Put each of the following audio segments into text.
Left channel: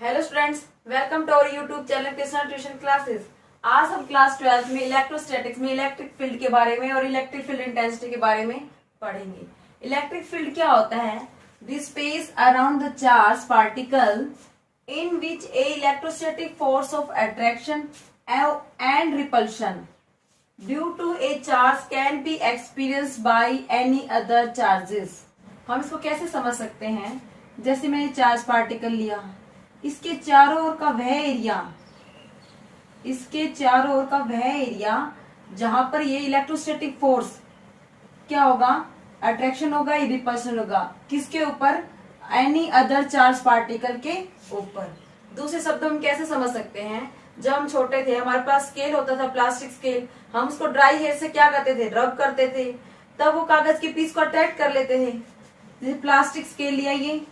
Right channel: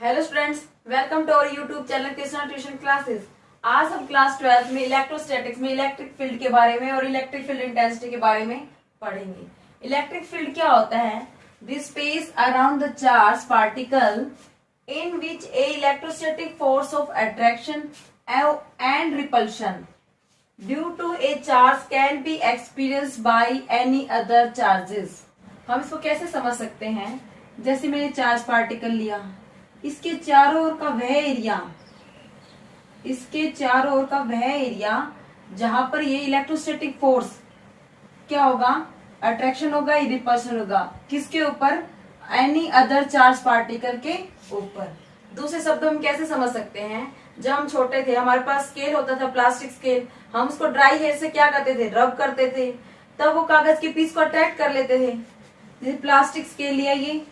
Hello students, welcome to our YouTube channel Krishna tuition classes. आज हम class 12 में electrostatics में इलेक्ट्रिक फील्ड के बारे में और इलेक्ट्रिक फील्ड इंटेंसिटी के बारे में पढ़ेंगे। इलेक्ट्रिक फील्ड क्या होता है? The space around the charge particle in which a electrostatic force of attraction and repulsion due to a charge can be experienced by any other charges. हम इसको कैसे समझ सकते हैं? जैसे मैंने चार्ज पार्टिकल लिया, इसके चारों ओर का वह एरिया जहां पर ये इलेक्ट्रोस्टैटिक फोर्स क्या होगा? अट्रैक्शन होगा, रिपल्शन होगा। किसके ऊपर? एनी अदर चार्ज पार्टिकल के ऊपर। दूसरे शब्दों में कैसे समझ सकते हैं? जब हम छोटे थे, हमारे पास स्केल होता था, प्लास्टिक स्केल। हम उसको ड्राई हेयर से क्या करते थे? रब करते थे, तब वो कागज के पीस को अट्रैक्ट कर लेते थे। जैसे प्लास्टिक स्केल लिया, ये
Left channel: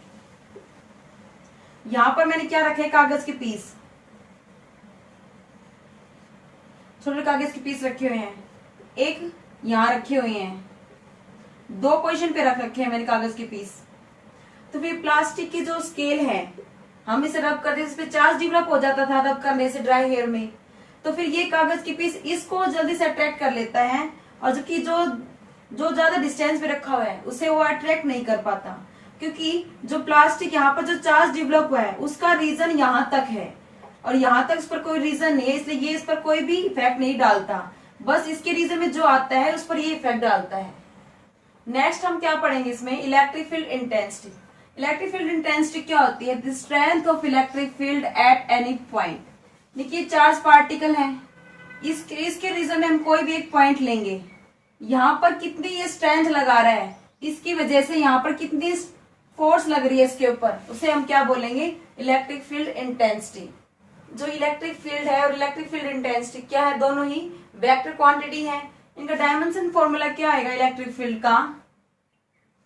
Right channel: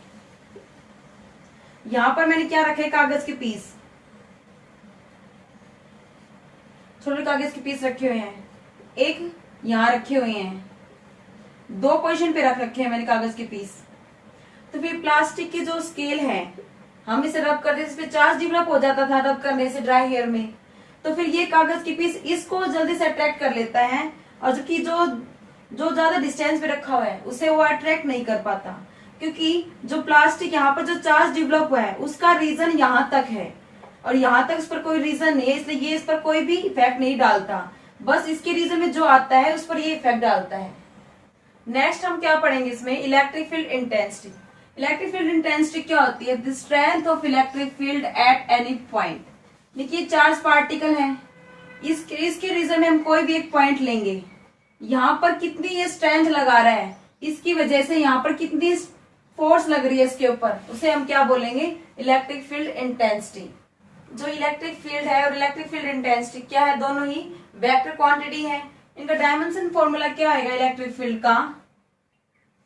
यहां पर मैंने क्या रखे? कागज के पीस, छोटे कागज के पीस रखे हुए हैं। एक यहां रखे हुए हैं, दो पोजीशन पे रख रखे हैं मैंने कागज के पीस। तो फिर प्लास्टिक की जो स्केल है, हम इसे रब करते, इस पे चार्ज डेवलप हो जाता था रब करने से ड्राई हेयर में। तो फिर ये कागज की पीस इसको जल्दी से अट्रैक्ट कर लेता है, और जबकि जो ज्यादा डिस्टेंस पे रखा हुआ है उसे वो अट्रैक्ट नहीं कर पाता, क्योंकि जो प्लास्टिक यहाँ पर जो चार्ज डेवलप हुआ है उसका रीजन यहाँ तक है और यहाँ तक इस पर कोई रीजन नहीं है, इसलिए ये इस पर कोई भी इफेक्ट नहीं डालता। बस इसके रीजन में जो आता है उस पर ये इफेक्ट डालता है। नेक्स्ट हम क्या पढ़ेंगे इसमें? Electric field intensity. Electric field intensity क्या होती है? The strength of electric field at any point. देखिए चार्ज पार्टिकल है, इसके रीजन में हम कोई भी एक पॉइंट लेंगे, यहाँ पर कितनी ये स्ट्रेंथ लगा रहा है, इसकी वजह से यहाँ पर कितनी फोर्स लग रही है इसके ऊपर, उसे हम क्या बोलेंगे? Electric field intensity. जो इलेक्ट्रिक फील्ड है और इलेक्ट्रिक फील्ड इंटेंसिटी क्या है? दोनों ही वेक्टर क्वांटिटी है। इनका डायमेंशन फॉर्मूला क्या आएगा इलेक्ट्रिक फील्ड का?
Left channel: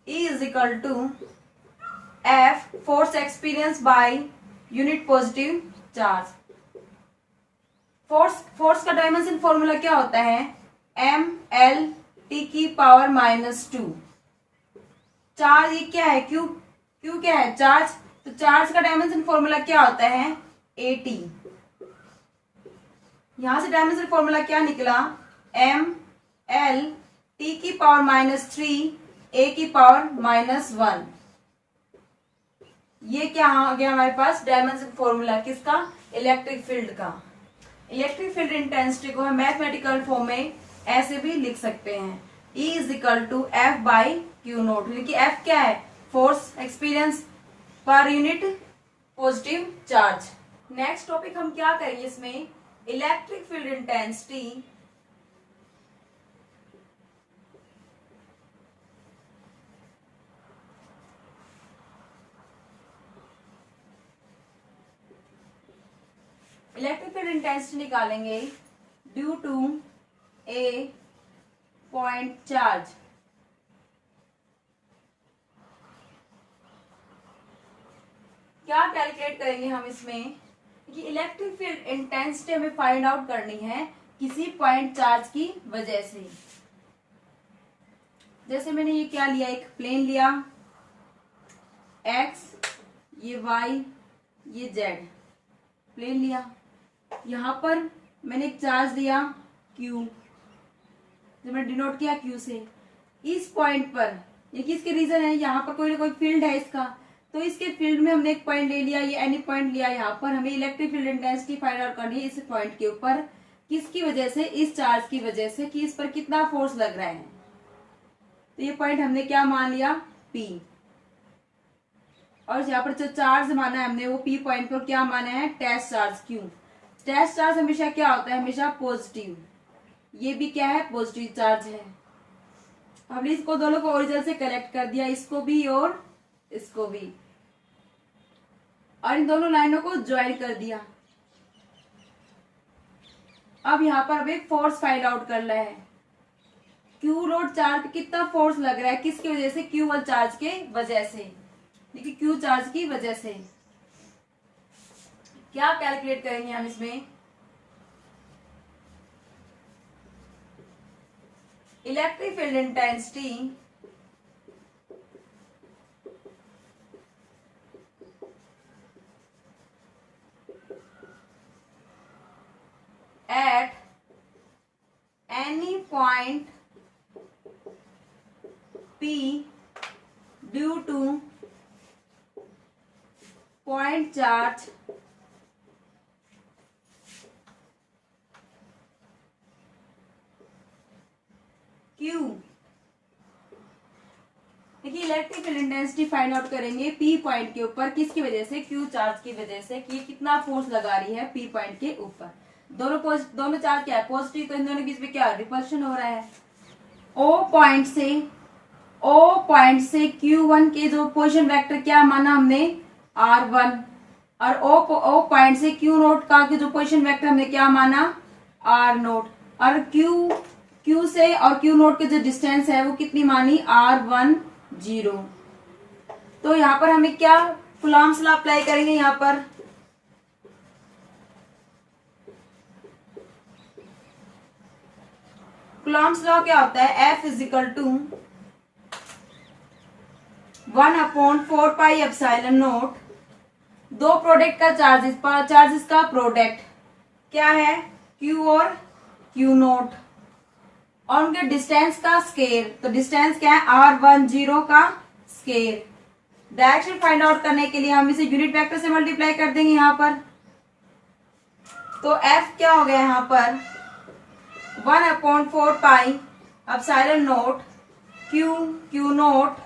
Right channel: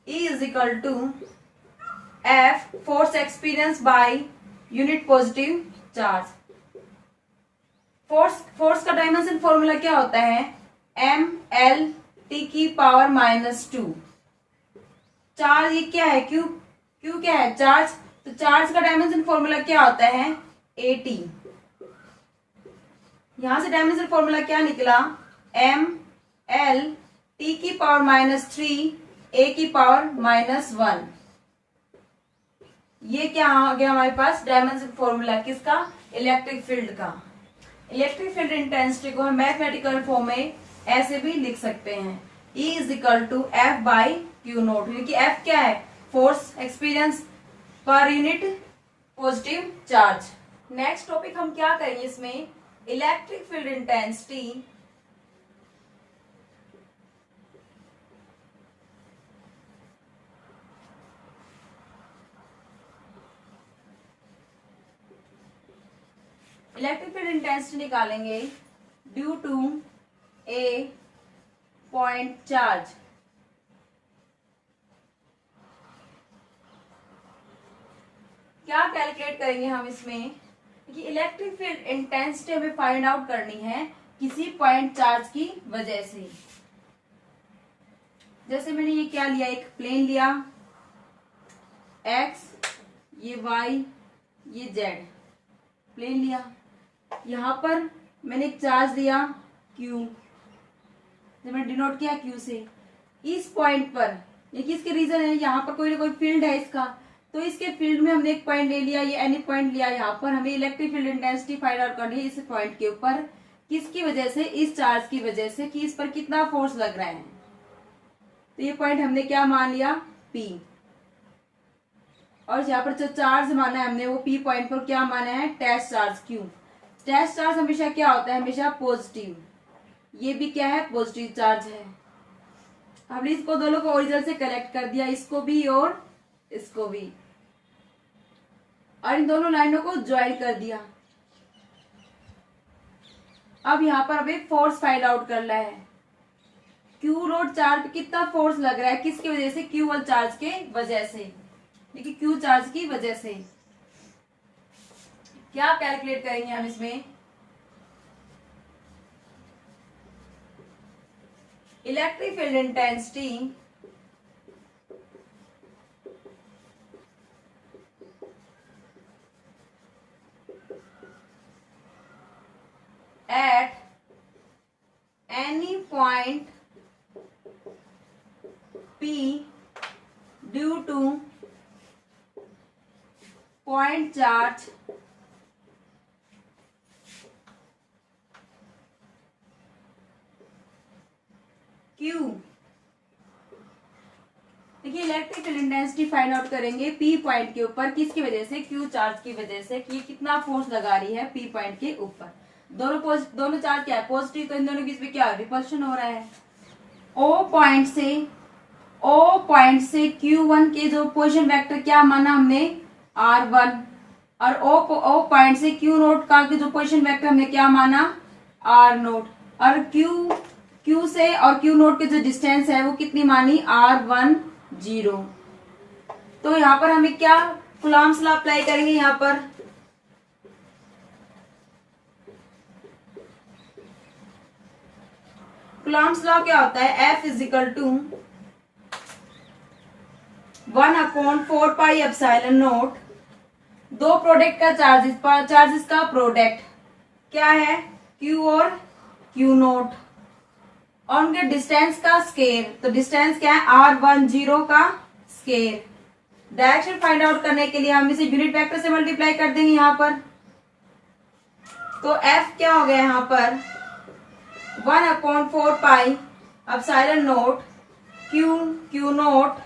E is equal to F force experience by unit positive charge. Force का डायमेंशन फॉर्मूला क्या होता है? एम एल टी की पावर -2। चार्ज ये क्या है? क्यू क्या है? चार्ज। तो चार्ज का डायमेंशन फॉर्मूला क्या होता है? AT। यहां से डायमेंशन फॉर्मूला क्या निकला? एम एल टी की पावर -3 ए की पावर -1। ये क्या आ गया हमारे पास? डायमेंशन फॉर्मूला किसका? इलेक्ट्रिक फील्ड का। इलेक्ट्रिक फील्ड इंटेंसिटी को हम मैथमेटिकल फॉर्म में ऐसे भी लिख सकते हैं, E is equal to F by Q naught. क्योंकि एफ क्या है? Force experience per unit positive charge. Next topic हम क्या करेंगे इसमें? Electric field intensity electric field intensity निकालेंगे due to a point charge. क्या कैलकुलेट करेंगे हम इसमें? कि इलेक्ट्रिक फील्ड इंटेंसिटी हमें फाइंड आउट करनी है किसी पॉइंट चार्ज की वजह से। जैसे मैंने ये क्या लिया? एक प्लेन लिया, एक्स, ये वाई, ये जेड प्लेन लिया। यहां पर मैंने एक चार्ज लिया क्यू, जब मैंने डिनोट किया क्यू से। इस पॉइंट पर ये किसके रीजन है? यहाँ पर कोई ना कोई फील्ड है इसका, तो इसके फील्ड में हमने एक पॉइंट ले लिया, ये एनी पॉइंट लिया। यहाँ पर हमें electric field intensity find out करनी है इस पॉइंट के ऊपर, किसकी वजह से? इस चार्ज की वजह से, कि इस पर कितना फोर्स लग रहा है। तो ये पॉइंट हमने क्या मान लिया? P। और यहाँ पर जो चार्ज माना है हमने, वो P पॉइंट पर क्या माना है? Test charge Q। Test charge हमेशा क्या होता है? हमेशा पॉजिटिव। ये भी क्या है? पॉजिटिव चार्ज है। हमने इसको दोनों को ओरिजिन से कलेक्ट कर दिया, इसको भी और इसको भी, और इन दोनों लाइनों को ज्वाइन कर दिया। अब यहाँ पर हमें फोर्स फाइंड आउट करना है। क्यू लोड चार्ज पे कितना फोर्स लग रहा है, किसकी वजह से? क्यू वन चार्ज के वजह से। देखिए क्यू चार्ज की वजह से क्या कैलकुलेट करेंगे हम इसमें? Electric field intensity at any point P due to point charge Q। देखिए electric field intensity find out करेंगे P पॉइंट के ऊपर, किसकी वजह से, Q चार्ज की वजह से, कि कितना फोर्स लगा रही है P पॉइंट के ऊपर। दोनों चार्ज क्या है, पॉजिटिव, तो इन दोनों के बीच में क्या है, रिपल्शन हो रहा है। O पॉइंट से Q1 के जो पोजीशन वेक्टर क्या माना हमने, R1, और O पॉइंट से Q नोट का जो पोजीशन वेक्टर हमने क्या माना, R नोट, और Q से और Q नोट के जो डिस्टेंस है वो कितनी मानी, R10। तो यहाँ पर हमें क्या कूलॉम्स लॉ अप्लाई करेंगे, यहाँ पर कूलॉम्स लॉ क्या होता है, F इजिकल टू 1/4πε0, दो प्रोडक्ट का चार्जेस का प्रोडक्ट क्या है, Q और Q नोट, और उनके डिस्टेंस का स्केयर, तो डिस्टेंस क्या है, R10 का स्केयर। डायरेक्शन फाइंड आउट करने के लिए हम इसे यूनिट वेक्टर से मल्टीप्लाई कर देंगे यहाँ पर। तो F क्या हो गया यहाँ पर, 1/4πε0 Q नोट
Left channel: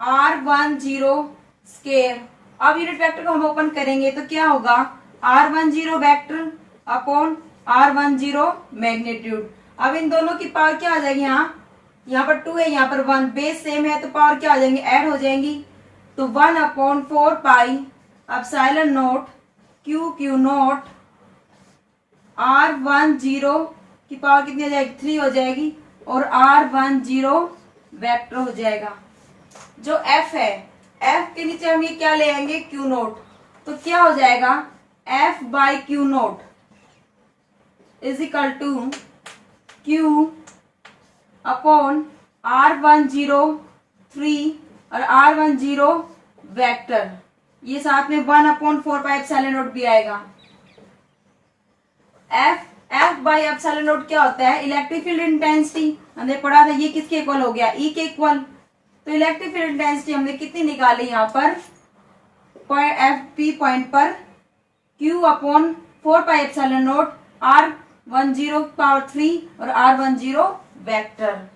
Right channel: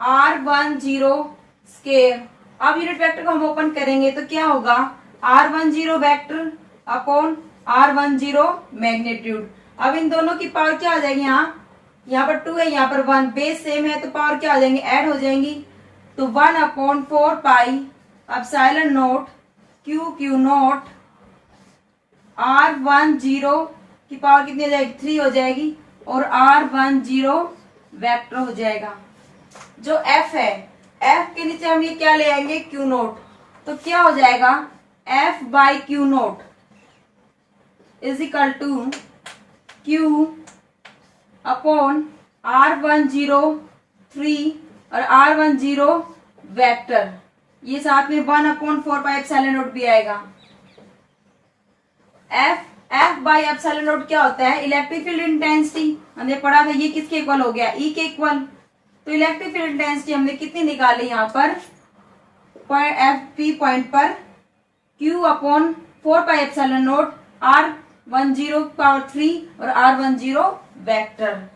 R10 स्केयर। अब यूनिट वेक्टर को हम ओपन करेंगे तो क्या होगा, R10 vector upon R10 magnitude. अब इन दोनों की पावर क्या आ जाएगी, यहाँ पर 2 है, यहाँ पर 1, बेस सेम है तो पावर क्या हो जाएंगी, ऐड हो जाएंगी। तो 1/4πε0 Q नोट R10 की पावर कितनी हो जाएगी, 3 हो जाएगी, और R10 वेक्टर हो जाएगा। जो F है, F के नीचे हम ये क्या ले आएंगे, Q नोट, तो क्या हो जाएगा, F by Q naught is equal to Q upon R10 3 और R10 वेक्टर, ये साथ में 1/4πε0 भी आएगा। F बाई एप्सिलॉन क्या होता है, इलेक्ट्रिक फील्ड इंटेंसिटी, हमने पढ़ा था, ये किसके इक्वल हो गया, E के इक्वल। तो इलेक्ट्रिक फील्ड इंटेंसिटी हमने कितनी निकाली यहाँ पर, P पॉइंट पर Q अपॉन 4πε0 R10 पावर 3 और R10 वेक्टर।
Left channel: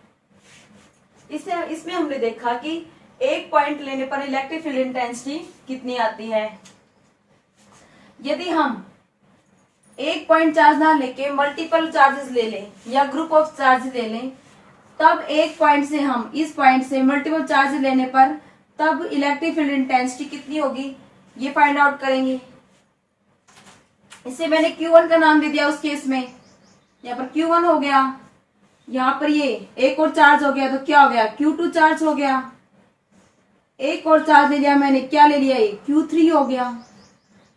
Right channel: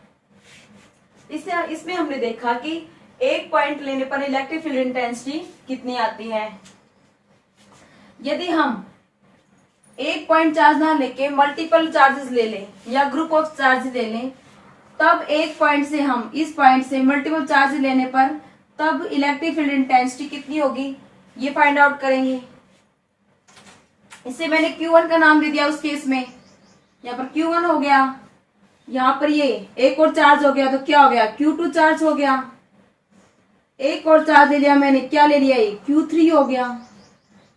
इसमें हमने देखा कि एक पॉइंट लेने पर इलेक्ट्रिक फील्ड इंटेंसिटी कितनी आती है। यदि हम एक पॉइंट चार्ज ना लेके मल्टीपल चार्जेस ले लें या ग्रुप ऑफ चार्ज ले लें, तब एक पॉइंट से हम इस पॉइंट से मल्टीपल चार्ज लेने पर तब इलेक्ट्रिक फील्ड इंटेंसिटी कितनी होगी, ये फाइंड आउट करेंगे। इसे मैंने Q1 का नाम दे दिया उस केस में, यहाँ पर Q1 हो गया, यहाँ पर ये एक और चार्ज हो गया तो क्या हो गया, Q2 चार्ज हो गया, एक और चार्ज ले लिया मैंने, क्या ले लिया, ये Q3 हो गया।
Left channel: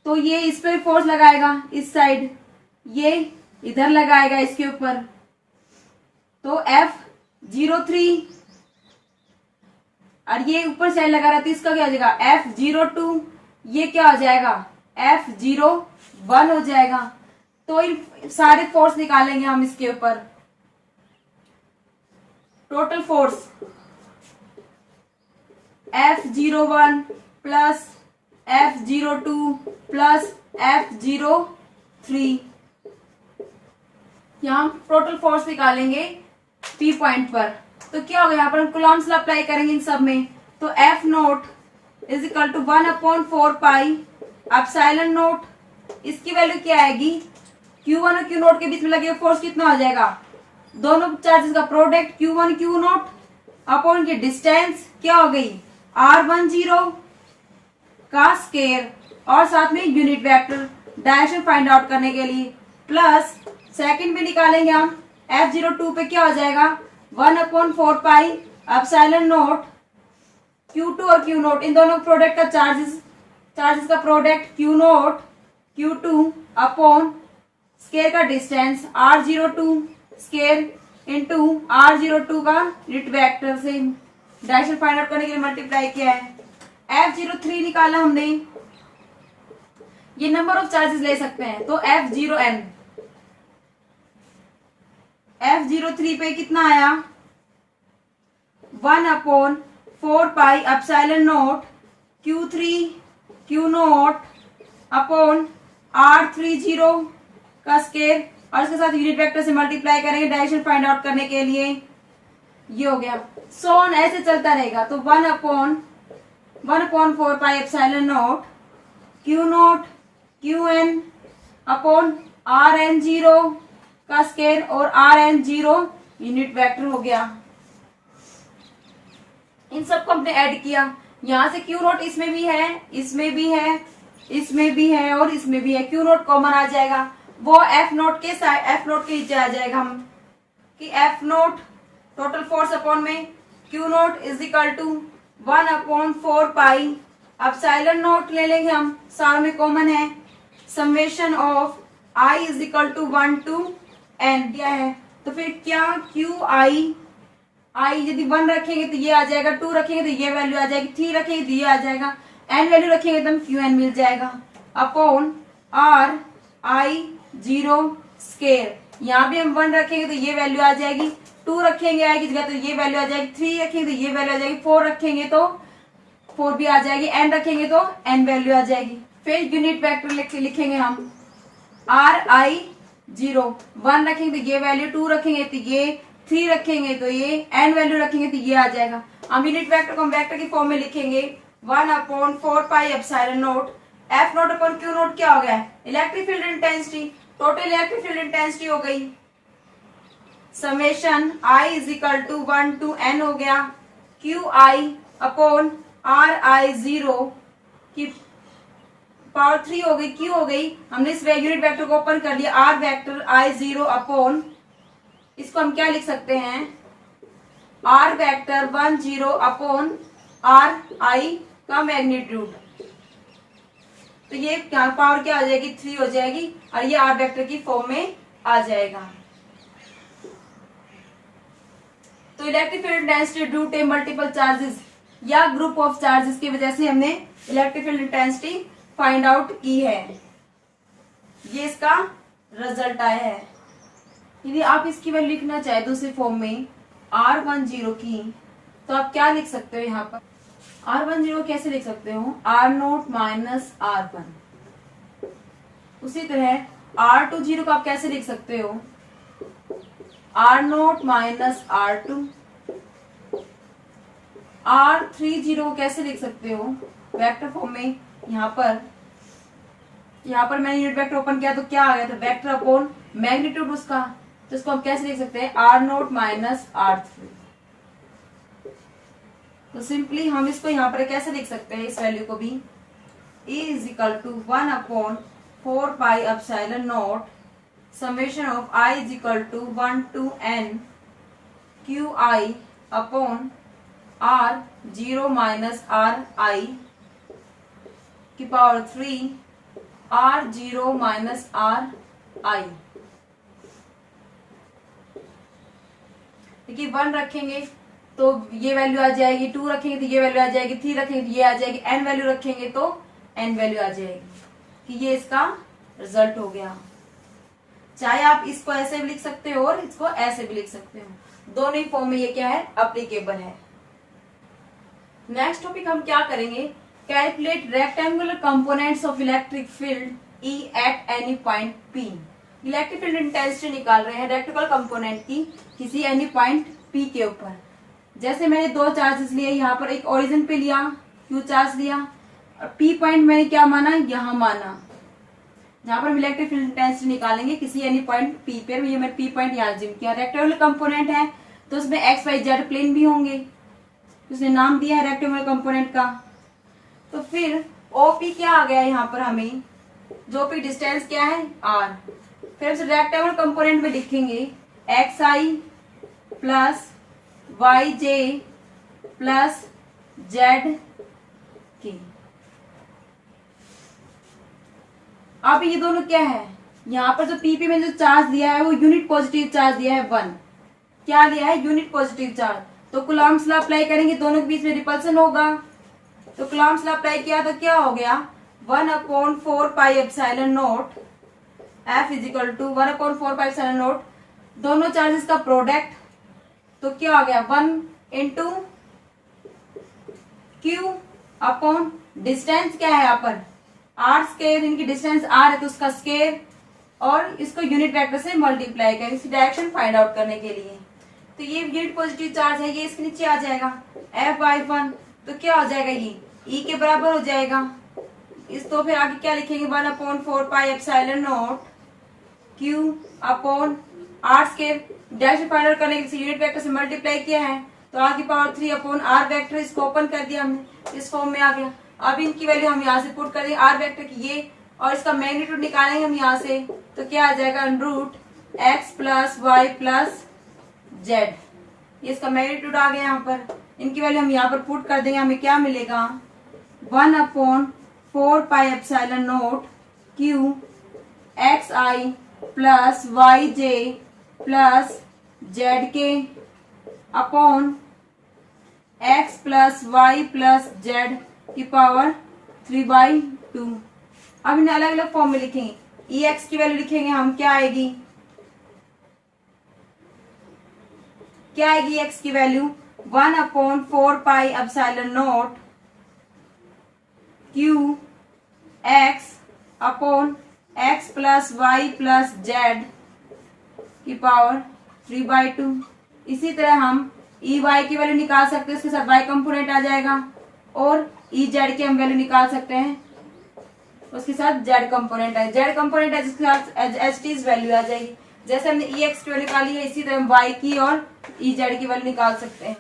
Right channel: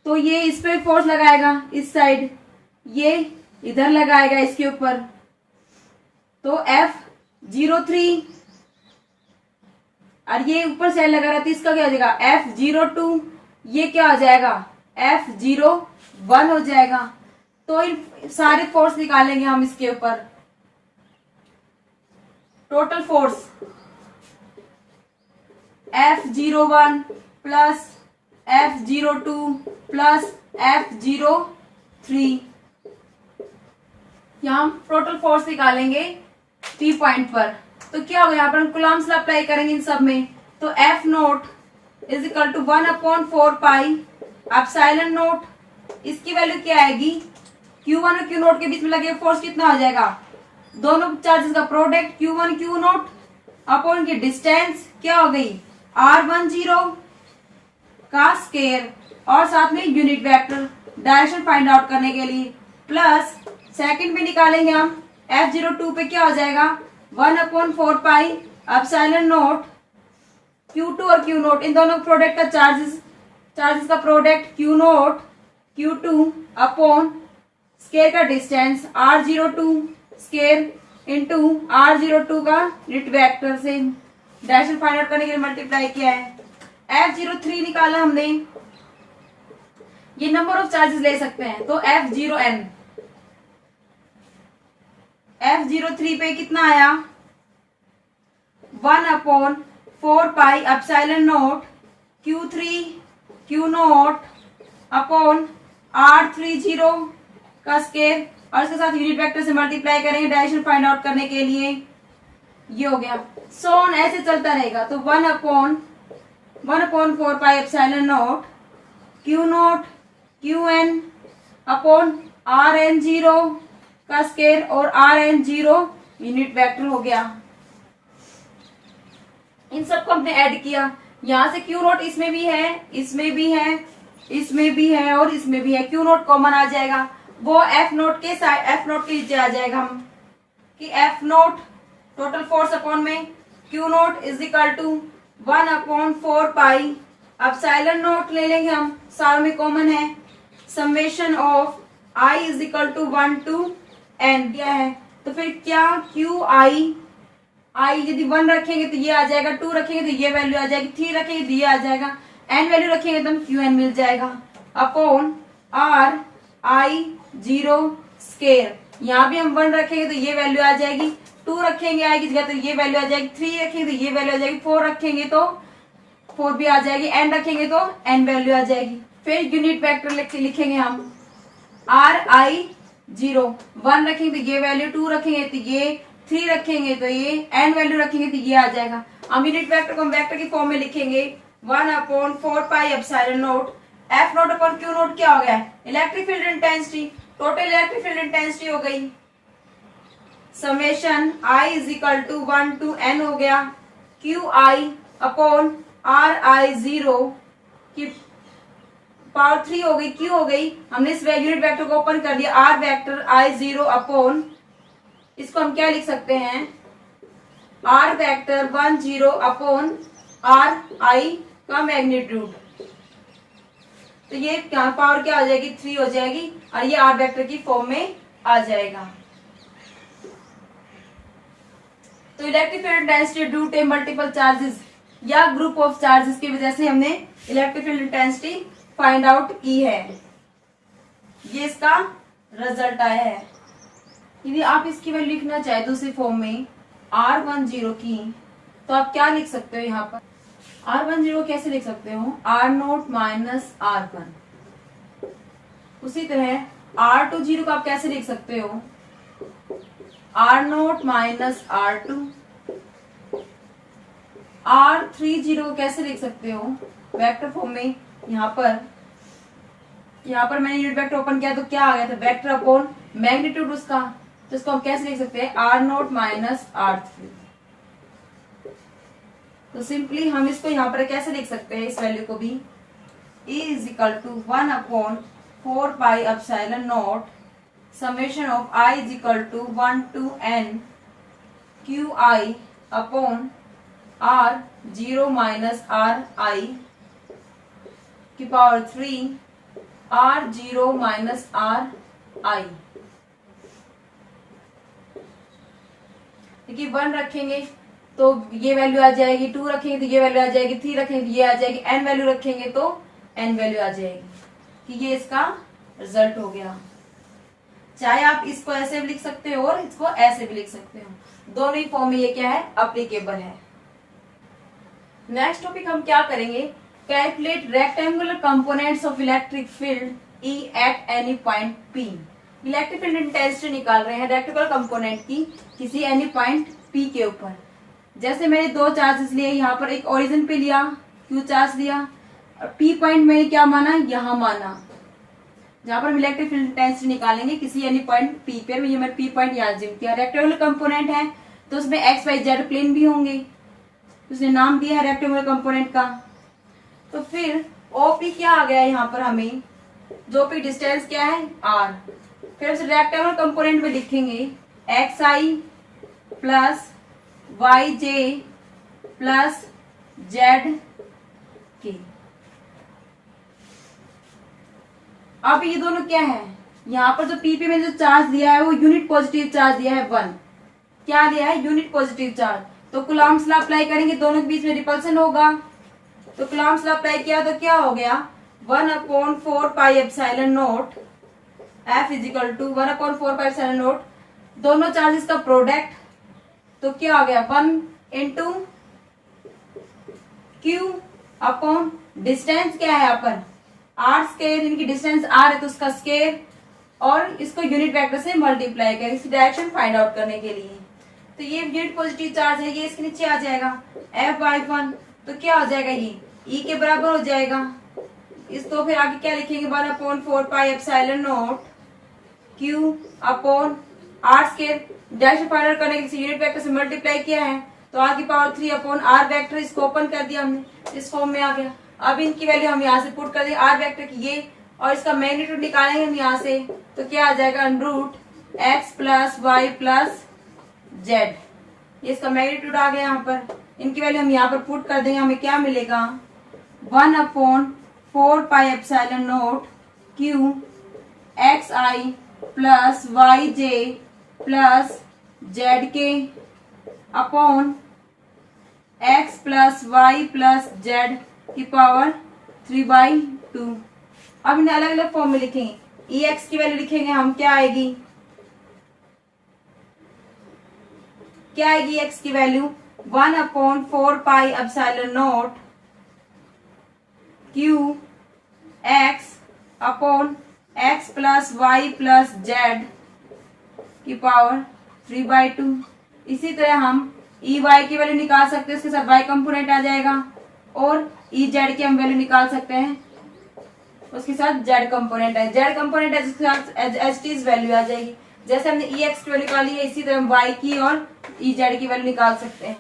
तो ये इस पे फोर्स लगाएगा, इस साइड, ये इधर लगाएगा इसके ऊपर, तो F03, और ये ऊपर साइड लगा रहा था, इसका क्या हो जाएगा, F02, ये क्या हो जाएगा, F01 हो जाएगा। तो इन सारे फोर्स निकालेंगे हम इसके ऊपर, total force F01 plus F02 plus F03, यहाँ हम टोटल फोर्स निकालेंगे P पॉइंट पर। तो क्या होगा, यहाँ पर हम कूलॉम्स लॉ अप्लाई करेंगे इन सब में, तो F naught is equal to 1/4πε0, इसकी वैल्यू क्या आएगी, Q1 और Q नोट के बीच में लगे फोर्स कितना हो जाएगा, दोनों चार्जेस का product Q1 Q naught upon की डिस्टेंस क्या हो गई, R10 का स्केयर, और साथ में unit vector direction find out करने के लिए, प्लस सेकंड में निकालेंगे हम F02 पे क्या हो जाएगा, 1/4πε0 Q2 और Q नोट, इन दोनों प्रोडक्ट का चार्जेस का product Q naught Q2 upon square का distance R02 square into R02 का यूनिट वेक्टर से डायरेक्शन फाइंड आउट करने के लिए मल्टीप्लाई किया है। F03 निकाला हमने, ये नंबर ऑफ चार्जेस ले सकते हैं। तो F0n, F03 पे कितना आया 1/4πε0 Q3 Q0 अपॉन R30 का स्केयर और इसके साथ यूनिट वेक्टर से मल्टीप्लाई करेंगे डायरेक्शन फाइंड आउट करने के लिए। ये हो गया। सोन ऐसे चलता रहेगा। तो 1/4πε0 Q0 Qn अपॉन Rn0 का स्केयर और Rn0 यूनिट वेक्टर हो गया। इन सबको हमने ऐड किया। यहां से Q0 इसमें भी है, इसमें भी है, इसमें भी है और इसमें भी है। Q0 कॉमन आ जाएगा, वो F0 के नीचे आ जाएगा हम कि F0 टोटल फोर्स अपॉन में Q0 इज इक्वल टू 1/4πε0 ले लेंगे हम, सारों में कॉमन है। Summation of I is equal to 1 to n दिया है। तो फिर क्या QI यदि 1 रखेंगे तो ये आ जाएगा, 2 रखेंगे तो ये वैल्यू आ जाएगी, 3 रखेंगे तो ये आ जाएगा, n वैल्यू रखेंगे तो QN मिल जाएगा अपॉन RI0 स्केयर। यहाँ भी हम 1 रखेंगे तो ये वैल्यू आ जाएगी, 2 रखेंगे आएगी जगह तो ये वैल्यू आ जाएगी, 3 रखेंगे तो ये वैल्यू आ जाएगी, 4 रखेंगे तो 4 भी आ जाएगी, n रखेंगे तो n वैल्यू आ जाएगी। फिर यूनिट वेक्टर लिखेंगे हम RI0, 1 रखेंगे तो ये वैल्यू, 2 रखेंगे तो ये, 3 रखेंगे तो ये, n वैल्यू रखेंगे तो ये आ जाएगा। हम यूनिट वेक्टर को हम वेक्टर की फॉर्म में लिखेंगे 1/4πε0 F0 अपॉन Q0 क्या हो गया electric field intensity, total electric field intensity हो गई। Summation I is equal to 1 to n हो गया, QI अपॉन RI0 की पावर 3 हो गई, Q हो गई। हमने इस यूनिट वेक्टर को ओपन कर लिया, R वेक्टर I0 अपॉन, इसको हम क्या लिख सकते हैं R वेक्टर 10 अपॉन RI का मैग्नीट्यूड। तो ये क्या पावर क्या हो जाएगी 3 हो जाएगी और ये R वेक्टर की फॉर्म में आ जाएगा। तो electric field intensity due to multiple charges या ग्रुप ऑफ चार्जेस की वजह से हमने electric field intensity find out की है। ये इसका रिजल्ट आया है। यदि आप इसकी वैल्यू लिखना चाहे दूसरी फॉर्म में R10 की, तो आप क्या लिख सकते हो यहाँ पर R10 कैसे लिख सकते हो R0 माइनस R1। उसी तरह R20 को आप कैसे लिख सकते हो R0 माइनस R2। R30 को कैसे लिख सकते हो वेक्टर फॉर्म में। यहाँ पर मैंने यूनिट वेक्टर ओपन किया तो क्या आ गया था वेक्टर अपॉन मैग्नीट्यूड उसका, तो इसको हम कैसे लिख सकते हैं R0 माइनस R3। तो सिंपली हम इसको यहाँ पर कैसे लिख सकते हैं इस वैल्यू को भी E is equal to 1/4πε0 summation of I is equal to 1 to n QI upon R0 minus RI की पावर 3 R0 माइनस RI। देखिए 1 रखेंगे तो ये वैल्यू आ जाएगी, 2 रखेंगे तो ये वैल्यू आ जाएगी, 3 रखेंगे तो ये आ जाएगी, n वैल्यू रखेंगे तो n वैल्यू आ जाएगी कि ये इसका रिजल्ट हो गया। चाहे आप इसको ऐसे भी लिख सकते हो और इसको ऐसे भी लिख सकते हो, दोनों ही फॉर्म में ये क्या है अप्लीकेबल है। नेक्स्ट टॉपिक हम क्या करेंगे calculate rectangular components of electric field E at any point P। Electric field intensity निकाल रहे हैं रेक्टेंगुलर कंपोनेंट की किसी एनी पॉइंट P के ऊपर। जैसे मैंने 2 चार्जेस लिए, यहाँ पर एक ओरिजिन पे लिया Q चार्ज लिया और P पॉइंट मैंने क्या माना यहाँ माना, जहां पर हम इलेक्ट्रिक फील्ड इंटेंसिटी निकालेंगे किसी एनी पॉइंट P पे। ये मैंने P पॉइंट यहाँ जिम किया। रेक्टेंगुलर कंपोनेंट है तो उसमें एक्स वाई जेड प्लेन भी होंगे, उसने नाम दिया है रेक्टेंगुलर कंपोनेंट का। तो फिर OP क्या आ गया यहाँ पर हमें, जो P डिस्टेंस क्या है R। फिर उसे रेक्टेंगुलर कंपोनेंट में लिखेंगे XI plus YJ plus ZK। अब ये दोनों क्या है, यहाँ पर जो PP में जो चार्ज दिया है वो यूनिट पॉजिटिव चार्ज दिया है 1। क्या लिया है यूनिट पॉजिटिव चार्ज। तो कूलॉम्स लॉ अप्लाई करेंगे, दोनों के बीच में रिपल्सन होगा। तो कूलॉम्स लॉ अप्लाई किया तो क्या हो गया 1/4πε0 F इज इक्वल टू 1/4πε0 दोनों चार्जेस का प्रोडक्ट, तो क्या हो गया 1 इंटू क्यू अपॉन डिस्टेंस क्या है यहाँ पर आर स्केयर, इनकी डिस्टेंस आर है तो उसका स्केयर, और इसको यूनिट वेक्टर से मल्टीप्लाई करें इसकी डायरेक्शन फाइंड आउट करने के लिए। तो ये यूनिट पॉजिटिव चार्ज है, ये इसके नीचे आ जाएगा F/1, तो क्या हो जाएगा ये E के बराबर हो जाएगा। इस तो फिर आगे क्या लिखेंगे 1/4πε0 Q upon R square, direction find out करने के लिए यूनिट वेक्टर से मल्टीप्लाई किया है तो आर की पावर 3 अपॉन आर वेक्टर, इसको ओपन कर दिया हमने, इस फॉर्म में आ गया। अब इनकी वैल्यू हम यहाँ से पुट कर देंगे आर वेक्टर की ये, और इसका मैग्नीट्यूड निकालेंगे हम यहाँ से, तो क्या आ जाएगा √x + y + z, ये इसका मैग्नीट्यूड आ गया यहाँ पर। इनकी वैल्यू हम यहाँ पर पुट कर देंगे, हमें क्या मिलेगा 1/4πε0 Q xi + yj + zk upon x + y + z की पावर 3/2। अब इन्हें अलग अलग फॉर्म में लिखेंगे। ex की वैल्यू लिखेंगे हम, क्या आएगी x की value 1/4πε0 Q x upon x + y + z की पावर 3/2। इसी तरह हम EY की वैल्यू निकाल सकते हैं, उसके साथ y कंपोनेंट आ जाएगा, और EZ की हम वैल्यू निकाल सकते हैं, उसके साथ z कंपोनेंट है, z कंपोनेंट है जिसके साथ एच वैल्यू आ जाएगी। जैसे हमने EX की वैल्यू निकाली है इसी तरह हम y की और EZ की वैल्यू निकाल सकते हैं।